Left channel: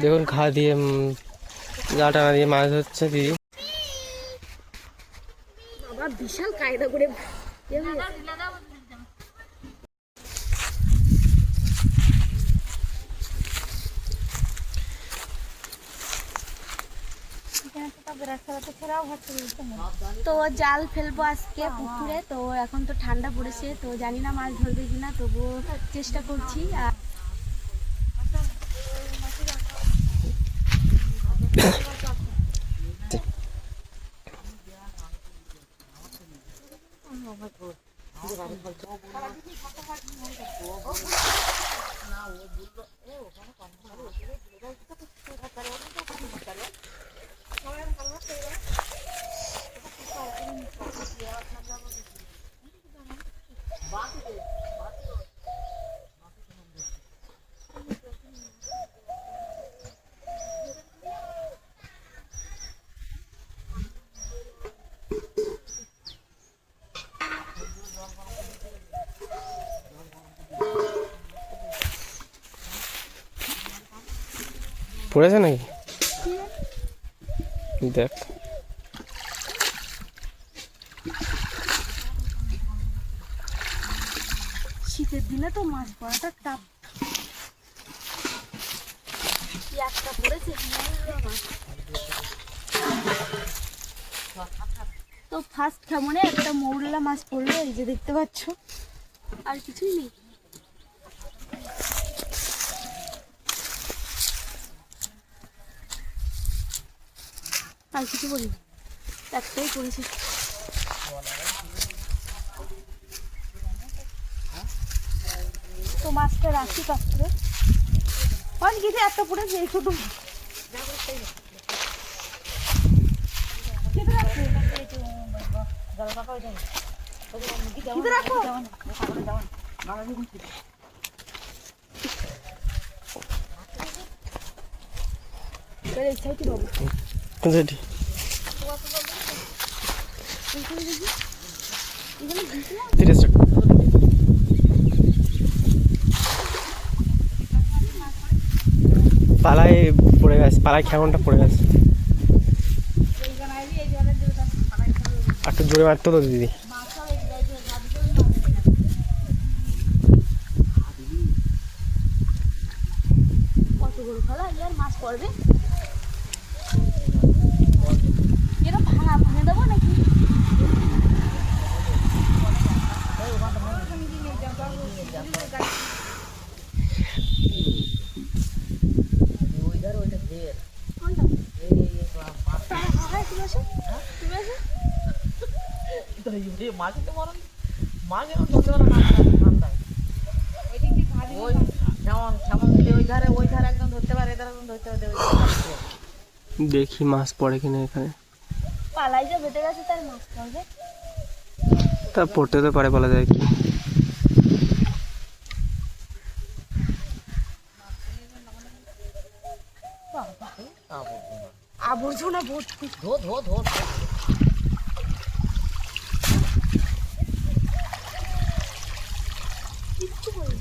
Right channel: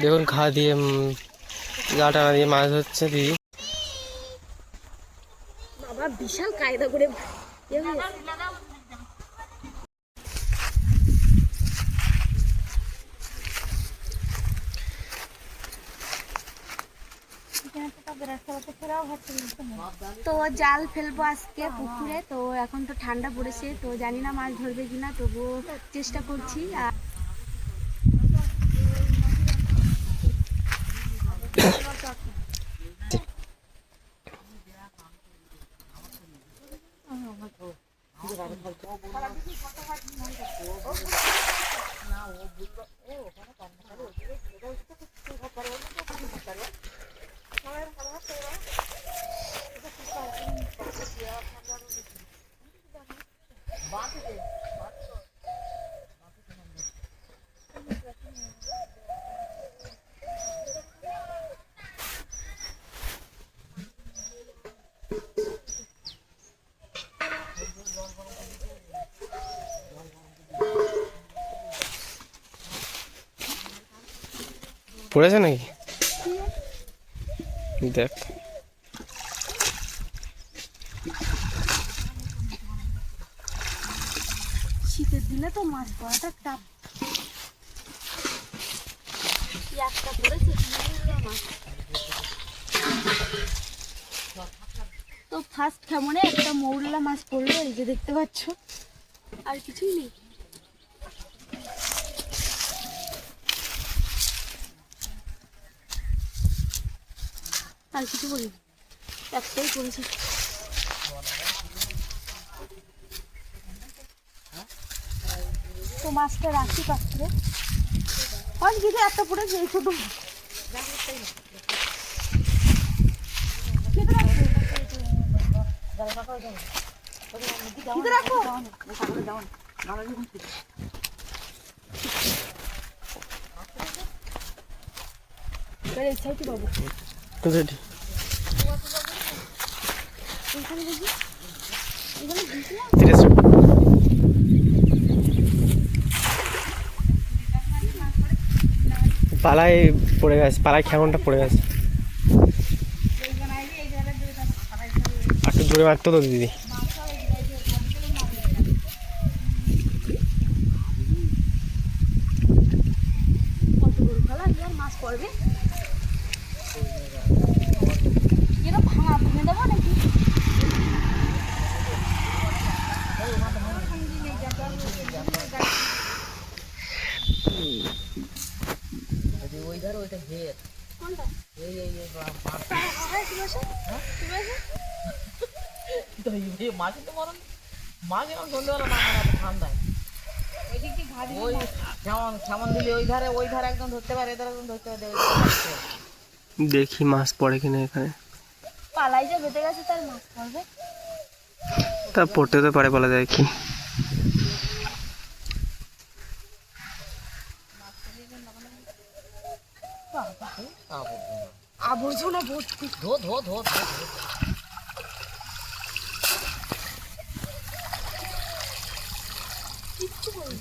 দেখুন ঘা দিয়ে জাল টানা দিয়ে মাছ ধরছে দিদি। বাবা বিশাল কায়দা করে তো জাল ফেলবো আজকে পুকুরে। তো এখন তো ঠান্ডা পড়েছে, তো জানি না মাছ ধরবে কিনা, তবুও চেষ্টা করছি। আর পড়েছে নাকি দেখ। শীতের দিনে তো মাছ পড়াটা টাপ। একটা পড়েছে মাছ। তো ফার্স্ট কেমনে একটা মৌরলা মাছ পড়লো, এই যে দেখতে পাচ্ছ, আর কিছুই নেই। আর কিছু বলি, একটাই পড়েছে। তো মাছটা রাখি পাত্রে, অনেক কিছু একটা পড়েছে এই ছোট। পালায় পড়ে গেছে, পালায় খেমনটা পড়ে গেছে। আর একটু জোরে মারতো তো দিদি। কত বড় খেলা, আর মাছ পড়বে। এটা ভাঙা ভেঙে দেবো নাকি? দেখি মাছ পড়ে কিনা এখানে। পালাই যে বেঁধে গেছে, তার মাছ পড়বে। তা পড়তে তো পারে, বলা যায় কি। আবর্জনা ভর্তি। ধো ধো ধো কিচ্ছু বলি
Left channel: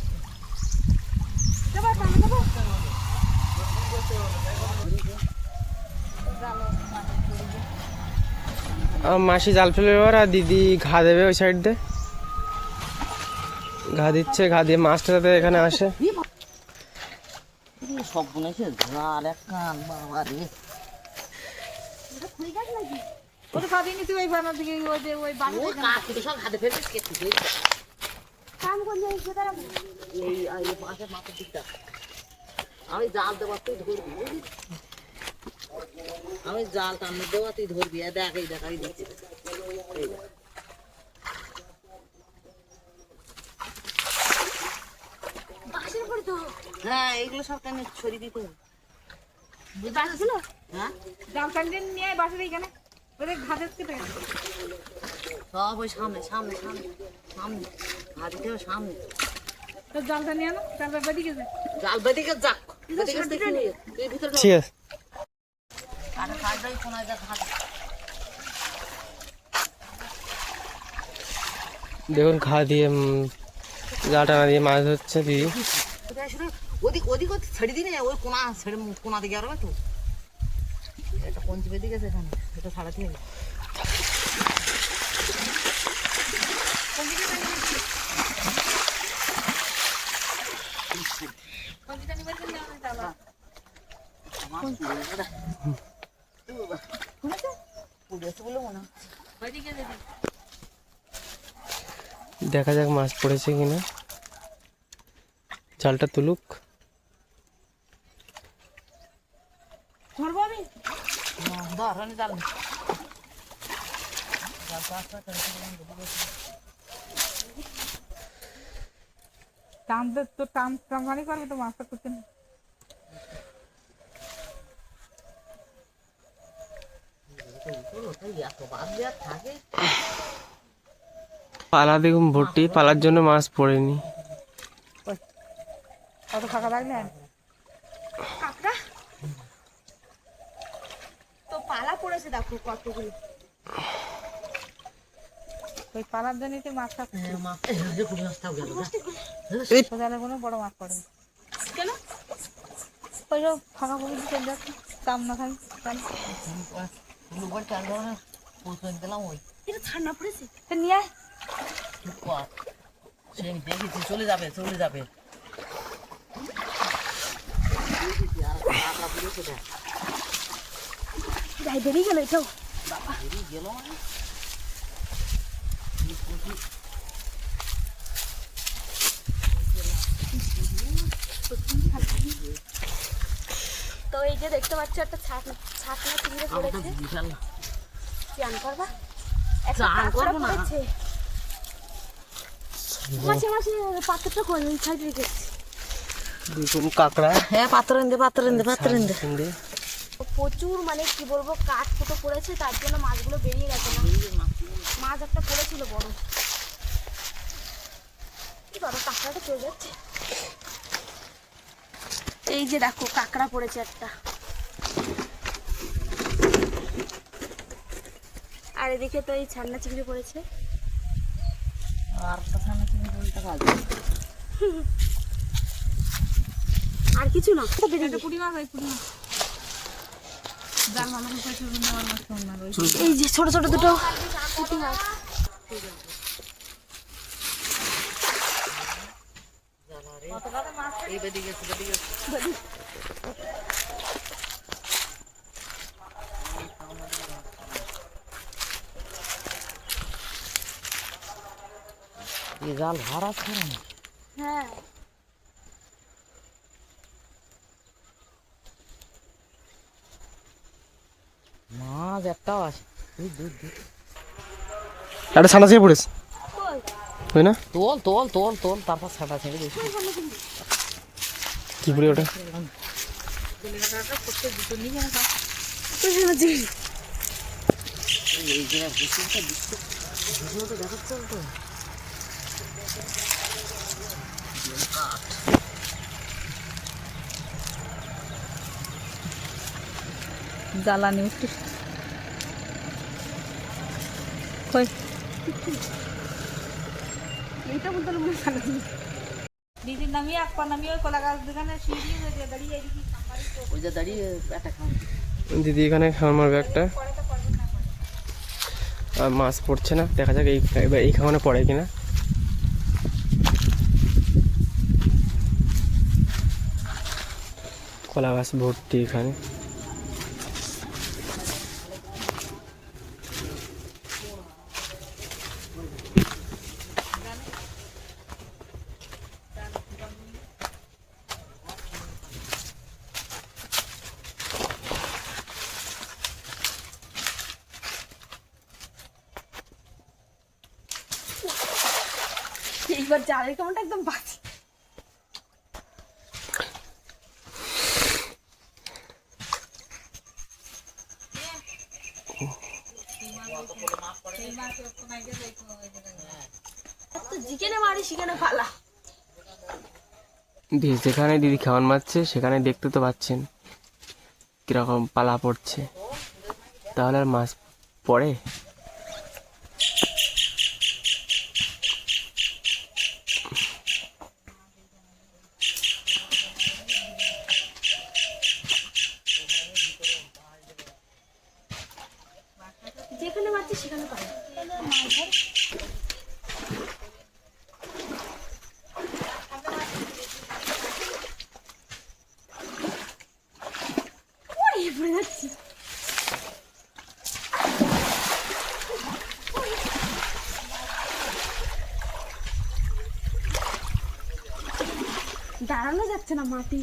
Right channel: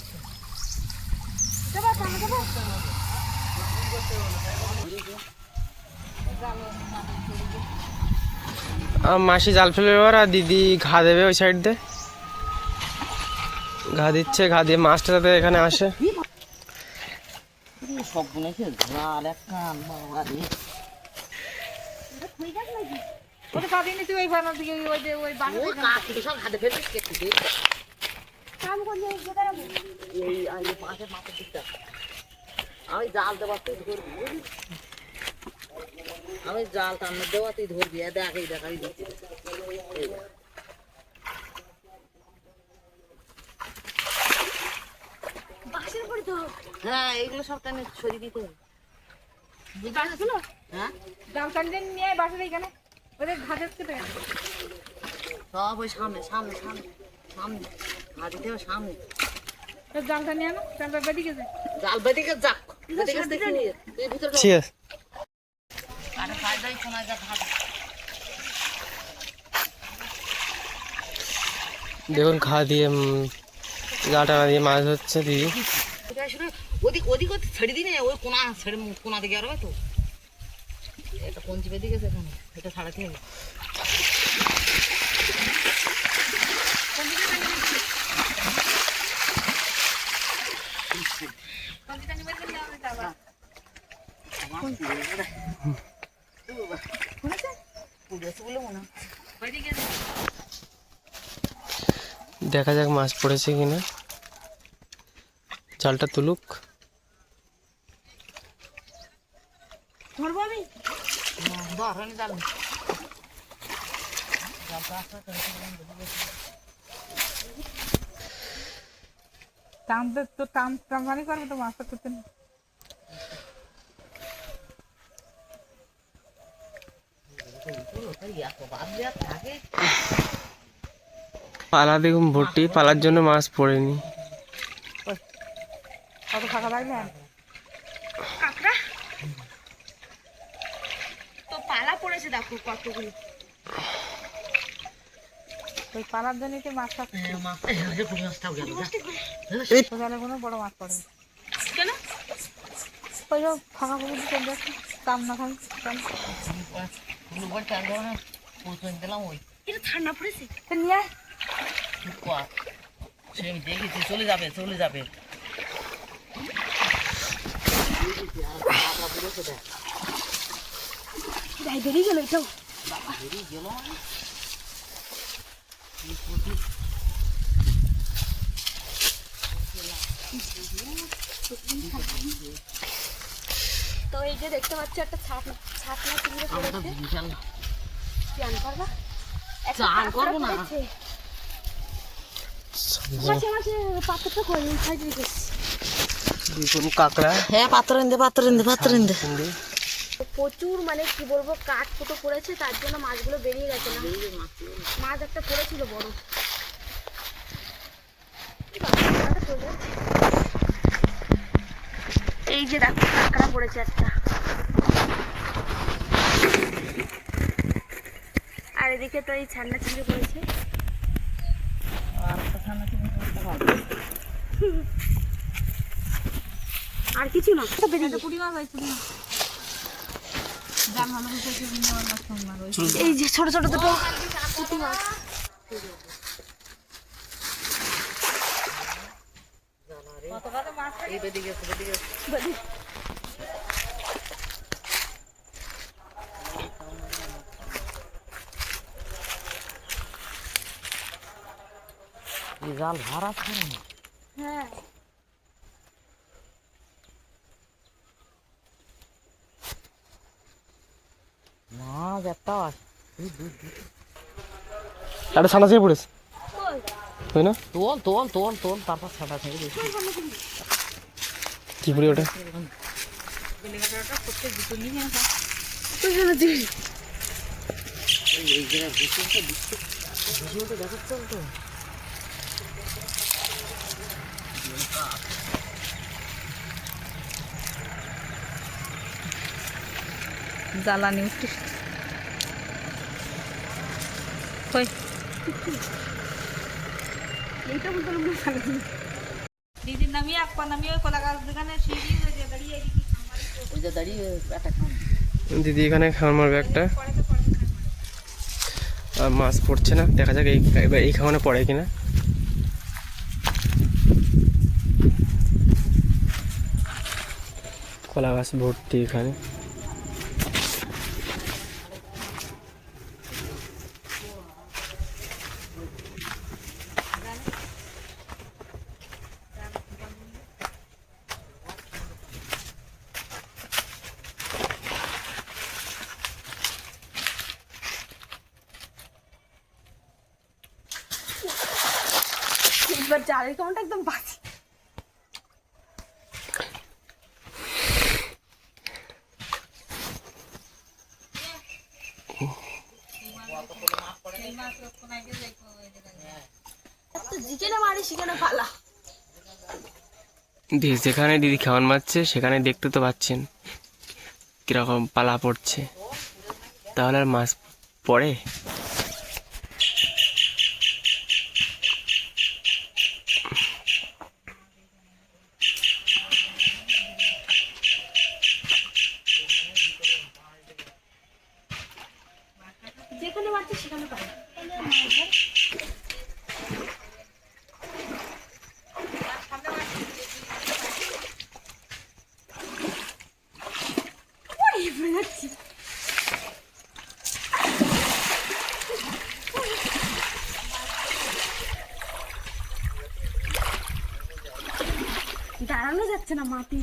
মাসি জাল ফেলে এবার, আর দিদি ঘা দেবে ওই সাইড দিয়ে। ঘা দিচ্ছে, ঘা দিয়ে মাছটা যাতে এখানে আসে। সব বুনেছে জাল এক কান বাবা রে। ওটা পাবিনি তুই ওই বানার দিকে, ওই যে ওই বানার ও কাকুটা সব হাতে ফেলছিস কে তুই? কাম করলে এসে দাঁড়াবো। এই পাশের মাছের দিকটা আমি জাল দেওয়ার তুই ধরবি, আমি জাল টানো দেওয়া তুই ধরবি। দেখ এই দেখাই দিচ্ছি, বাঁশের করে তো। হ্যাঁ এইগুলো সব টানে ছড়িয়ে দিতে হবে। বাঁশগুলো হ্যাঁ জাল টানতে নিয়ে বাঁশের এইখানে ওদের ঘাটের কেটে সব ওই সামনে সামনে সামনে সামনে ঘা দিতে হবে সামনে। জালটা নিয়ে আনো, জালটা বেদিকে যায়। জাল বেদিকে যাক, বেদিকে দেখি এই ভিতরে ঠিক আছে। আরে ফাইদাই শোনা যা ঘাট। দেখুন ঘা দিয়ে জাল টানা দিয়ে মাছ ধরছে দিদি। ওদিক ওদিক ছেড়ে দিনে ওই কোনা ছেড়ে কোনা দিকে আর তো এটা কোন চিপে দিকে এখানে এটা ছাড়াতে হবে। দেখা যাক মাছ পড়েছে কিনা, জালটা তুলুক। ধরবো আমি ধরনি জাল টানতে তো টানমানি করবে তো মাছটা করতে না। থাকে পালা দেখুন ভর্তি, পালার জন্য মাছ পড়েনি। অত ফাঁকা পাই না। কাঁকড়া তো পালা পড়েছে দেখো কতগুলো। ওই পালার জন্যই তো মাছ থাকে। মাছটাও গেল জালে কোনো বড় মাছ পড়ে না। কেন ওই যে ফাঁকা করে দিতে দেখি টান না খাই দিলাম ওই এটা ঠান্ডা পড়েছে। তো নিয়ে আয়। সে আমি দেখেছি চলে যাবে চলে যাবে। যাই বেরিয়ে গেল এটাও। গেল তো এই যে দেখতে পাচ্ছ একটা ছাকনা চিংড়ি পড়েছে। চান করবা? একটা চান কাঁকড়া করবো না। পড়েছে। মাসে মাসে পাত্রটা করে এই সাইডে রেখেছি। দেখুন কাঁকড়া হ্যাঁ পাত্র এনে পাত্র এনে পাত্র এনে চিংড়ি। প্রচুর মানে কি বলবো কাঠ ফুটো পড়েছে, তার জন্য মাছগুলো বেরিয়ে গেছে না। মাছ একটা পড়েছিল বড়। কাঁকড়াটা চলে যাচ্ছে। এই যে দেখো কাঁকড়া পড়েছে একটা, আর এদিকে তো এই ছান্না চিংড়ি পড়েছে। আর কিছু না তো বেরিয়ে গেছে। পুঁটি মাছ হয়েছে জাল মাছ এই যে ছোট ছোট দুটো পুঁটি মাছ। জাল ভাড়া ছাড়া না হ্যাঁ মাছ একটাও আছে। একটা ছানা ছিঁড়ে পড়েছে, কই তাই না? তোল তোল তোল তোল তারপর ছাটা ছেড়ে দিয়েছি। কি পড়ে ওটা? দেখাচ্ছে তো জ্বালানি উঠছে কই এইটা বলতে মনে হয় দিদির নামিয়ে এক পা নামিয়ে কলা গাছ দোকানে সিঁড়ি ওই যে দাঁড়িয়ে এদিকে ওই যে দাঁড়িয়ে একটা খান দিদি এখানে খাওয়ার মারবে একটা, আর মাছ পড়ছে না। দেখা যাক এবার এই খাওয়ানে পড়ে কিনা। কলা গাছ ভর্তি এখানে। এইবার জালের কেমনটা একদম বাঁচি। যেখানে মারি সেখানে পালা। যেখানে দিদি খাওয়ান মারছে সেখানে দেখতে তো পাচ্ছেন কিরকম পালা পড়ছে, তাহলে আর মাছ পড়ে? দাঁড়ানো যাচ্ছে না মাটি।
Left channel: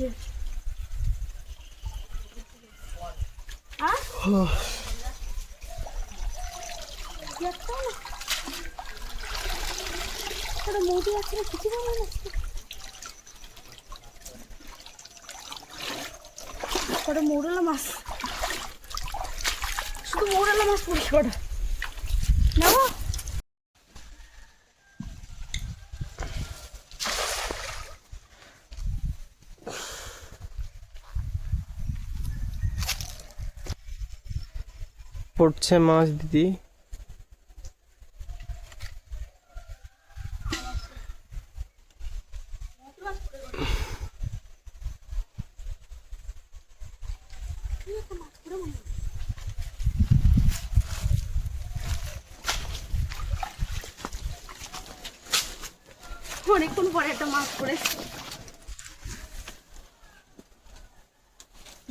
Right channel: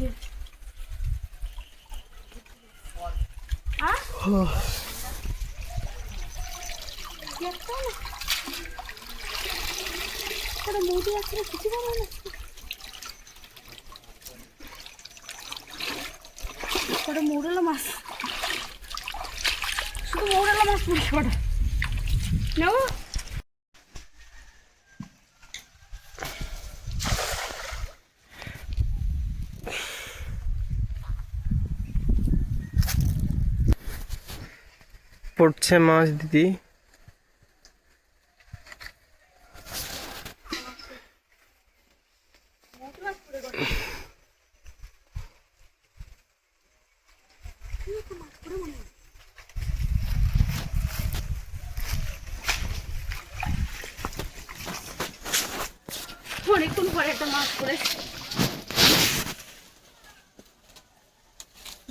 মোটি আছে কিছু ভালো লাগছে। ওটা মৌরলা মাছ, শুধু মৌরলা মাছ পড়েছে ওটা নেবো। পড়ছে মাছ দিদি। অনেকক্ষণ পরে একটা মাছ পড়েছে,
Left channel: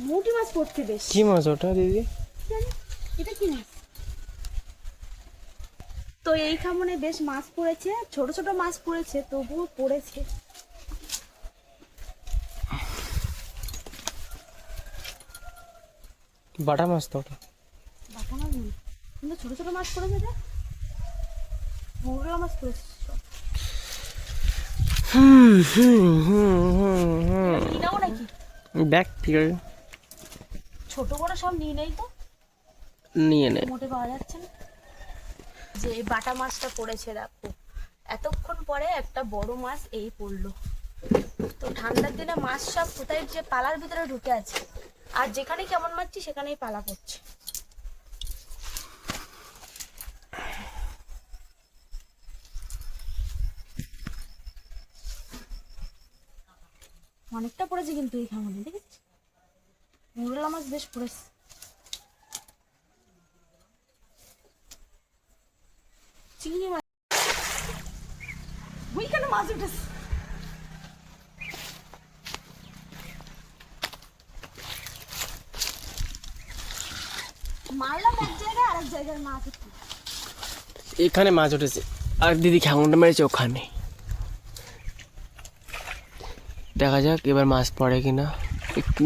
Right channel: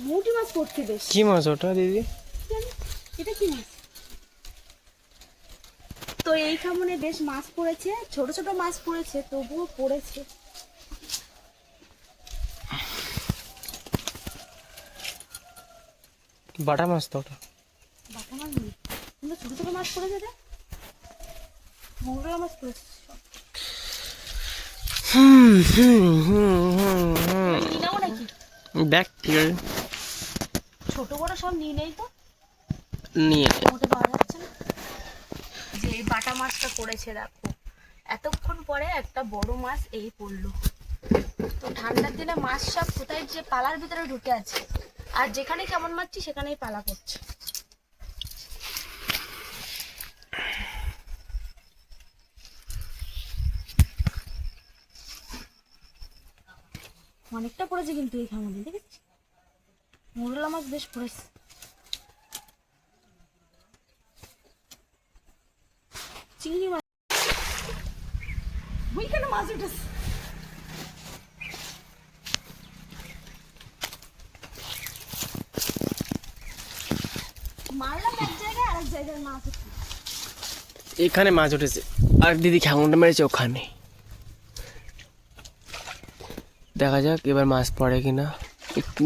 মোটি মাছ পড়ছে বেশ। কি মাছ ওটা দিদি? এটা কি মাছ? তো এই খামনে বেশ মাছ পড়েছে, ছোট ছোট মাছ পড়েছে, তবুও পড়েছে। বাটা মাছ তো ওটা। বাটা মাছ নেই, কিন্তু ছোট ছোট মাছ পড়েছে রে, মৌরলা মাছ পড়েছে সব। নিয়ে নেবো নাকি? দেখ ঠিক আছে, ছোট বড় সব নিয়ে নেই তো, নিয়ে নে। মোটে পাওয়া যাচ্ছে না। যে এই বাটা মাছটা পড়েছে দেখো, এতক্ষণ পরে একটা বড় মাছ এই পড়লো। তো ঠান্ডার দিনে মাছ সব কোথায় যে পালার ভিতরে ঢুকে আছে, আর যেখানে কেমন মারছি সেখানেই পালা পড়ছে। অনেকটা পড়েছে কিন্তু এই খামনে, দেখেছিস মৌরলা মাছ বেশ পড়েছে। চিংড়ি মাছ, ওইখানে মাছ উঠেছে। মারলাম এক জায়গায়, আরেক জায়গায় মাছ উঠছে। এখানে মাছ উঠেছে, আর দিদি খ্যাংটা মেরেছে ওখানে। দেখা যাক এবার মাছ পড়ে কিনা।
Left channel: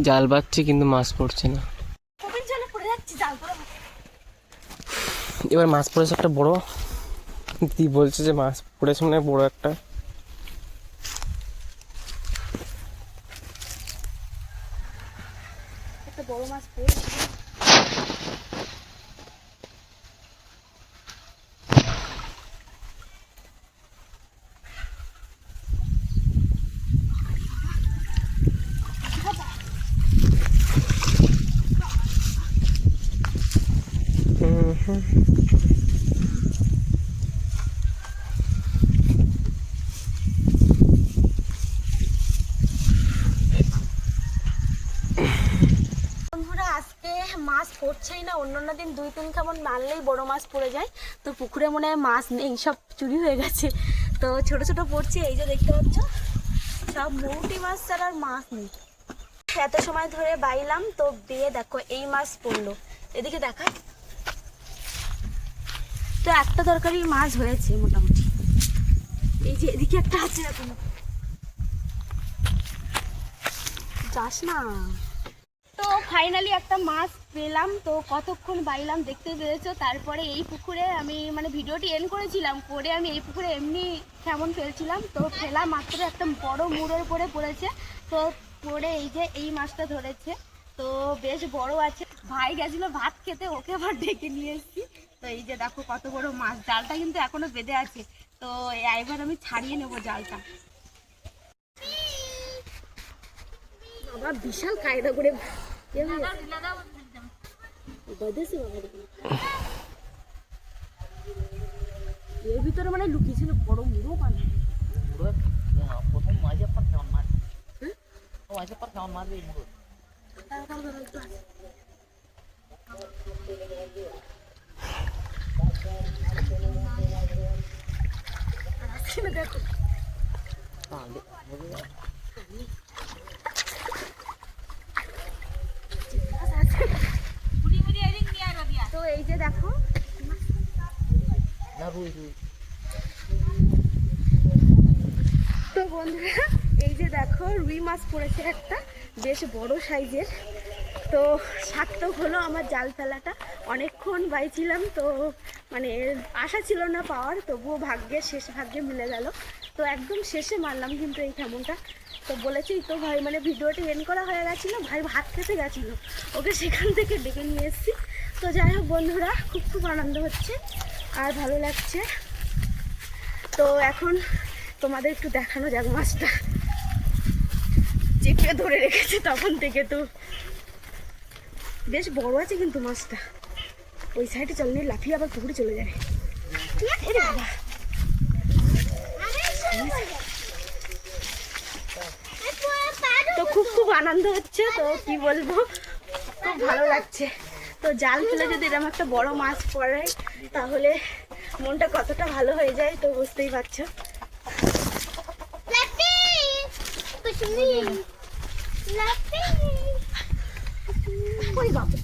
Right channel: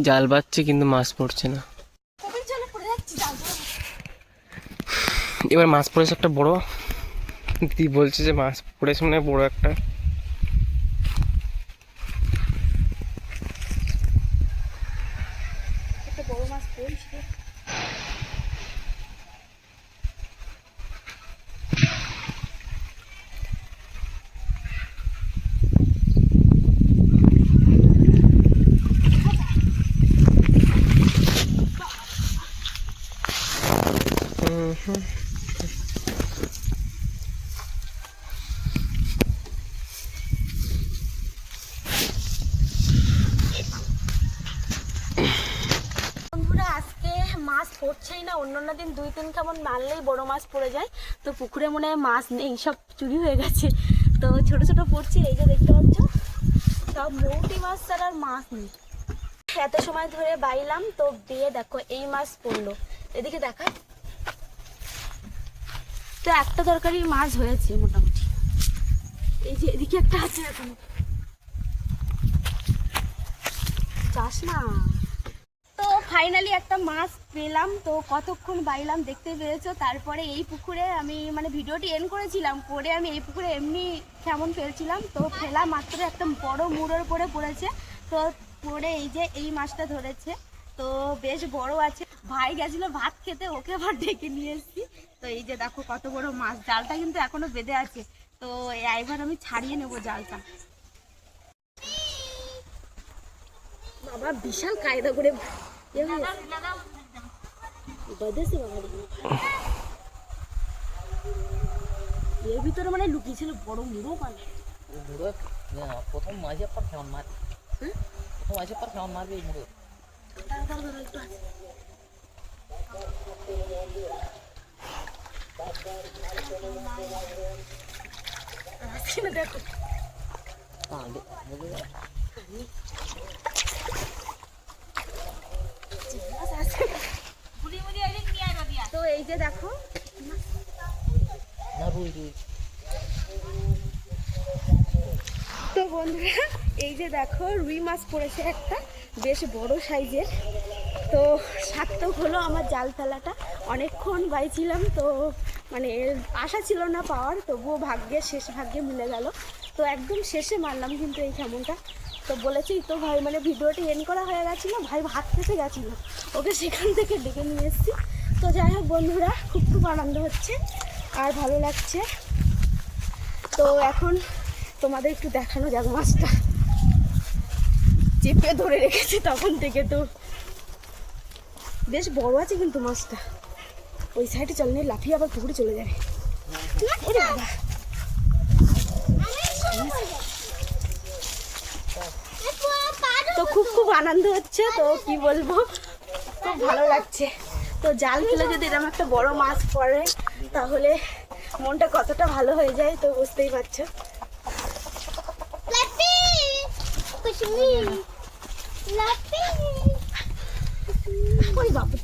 জাল বাচ্ছে কিন্তু মাছ পড়ছে না। কবির জলে পড়ে যাচ্ছে জাল ধরে। এবার মাছ পড়েছে একটা বড়, দিদি বলছে যে মাছ পড়েছে মানে বড় একটা। একটা বড় মাছ পড়েছে। বন্ধুরা আজকে মাছ পড়ছেই না, অন্যান্য দিন 2-3 খামন মারলেই বড় মাছ পড়ে যায়। তো পুকুরে মনে হয় মাছ নেই, সব চুরি হয়ে গেছে। তো ছোট ছোট পড়ছে, এই যে দেখতে পাচ্ছ সব মৌটি মাছ ছাড়া আর মাছ নেই। এত সময় ধরে বাইলাম তো দিয়ে দেখো এই মাছ পড়লো, এদিকে দেখা। তো একটা তরকারির মাছ হয়েছে মোটামুটি, এই যে এদিকে একটা আছে এখনো, যাস না। তো ফাইনালি একটা মাছ পেলাম, তো কতক্ষণ বাইলাম দেখতে পেরেছো। তারপরে এই পুকুরে আমি মানে ভিডিওটি এন্ড করেছিলাম, করে আমি এই পুকুরে এমনি কেমন ফেলছিলাম, তো ফেলা মাত্র একটা বড় মুড়োর পরে পড়েছে। তো পরে এই যে এই মাছটা ধরেছে, তো বেশ বড় আছে। ভাই গেছিলো ভাত খেতে, ওকে আবার ডেকে নিয়ে এসেছি। তো এই যে দেখো কত বড় মাছ, জালটা কিন্তু এখনো বেঁধে আছে। তো এবার আমি ছাড়িয়ে নেবো জালটা। বাবা বিশাল কায়দা করে বেঁধেছে বাবা, এর ভিতরে মানে লুকিয়েছিল বড় মুড়ো পান। প্রথম মাঝে পর কেমন মার, প্রথম মাঝে পর কেমন মারবে এই মুড়ো। দেখো তো এই যে দেখো না রুই রুই। তো বন্ধুরা এই যে দেখো রুই মাছ পড়েছে একটা বেশ বড় সাইজের। তো সার্থক হলো আমার জাল ফেলাটা, অনেকক্ষণ বাইছিলাম, তো মানে আশা ছিল না পাওয়ার, তবুও শেষ ভাগ্যে মিলে গেল। তো একদম শেষে মারলাম কিন্তু এই ঠেমনটা। তো বলেছি তো ভাই, মানে ভিডিওটা এন্ড করা হয়ে গেছিলো, ভাই ভাত খেতে গেছিলো, ওকে সেখান থেকে ডেকে নিয়ে এসেছি। তো যাই হোক বন্ধুরা, খুব আনন্দ হচ্ছে আর ভালো লাগছে। তো এখন তোমাদের একটু দেখানো যাক মাছটা, চেপে ধরে রেখেছে তখন থেকে। তো বেশ বড় আছে কিন্তু মাছটা। ওই সাইডে চল নিয়ে লাফিয়ে আবার পুকুরে চলে যাবে। ওরে বাবা, তো খুব আনন্দ হচ্ছে, তো কি বলবো, খুব ভালো লাগছে। তো জাল ফেলে যদি এরকম একটা বড় মাছ পড়ে তাহলে মনটা কতটা ভালো হয়ে যায়, তো বুঝতেই পারছো। ওই বাবা,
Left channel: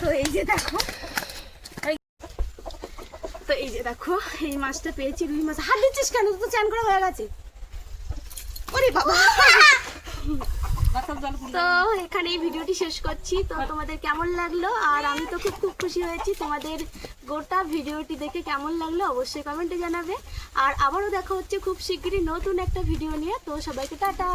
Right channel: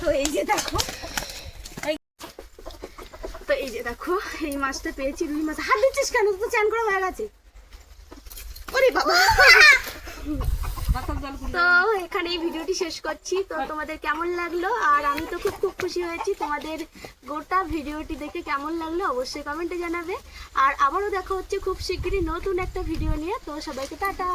তো এই যে দেখো, তো এই যে দেখো এই মাছটা পেয়েছি, রুই মাছ। হাত দিচ্ছিস কেন, তো চান করা হয়ে গেছে। ওরে বাবা। তো এখানে এই ভিডিওটি শেষ করছি। তো তোমাদের কেমন লাগলো, আর আমি তো খুব খুশি হয়েছি। তোমাদের গোটা ভিডিওটি দেখে কেমন লাগলো অবশ্যই কমেন্টে জানাবে। আর আবারও দেখা হচ্ছে খুব শিগগিরই নতুন একটা ভিডিও নিয়ে। তো সবাইকে টাটা।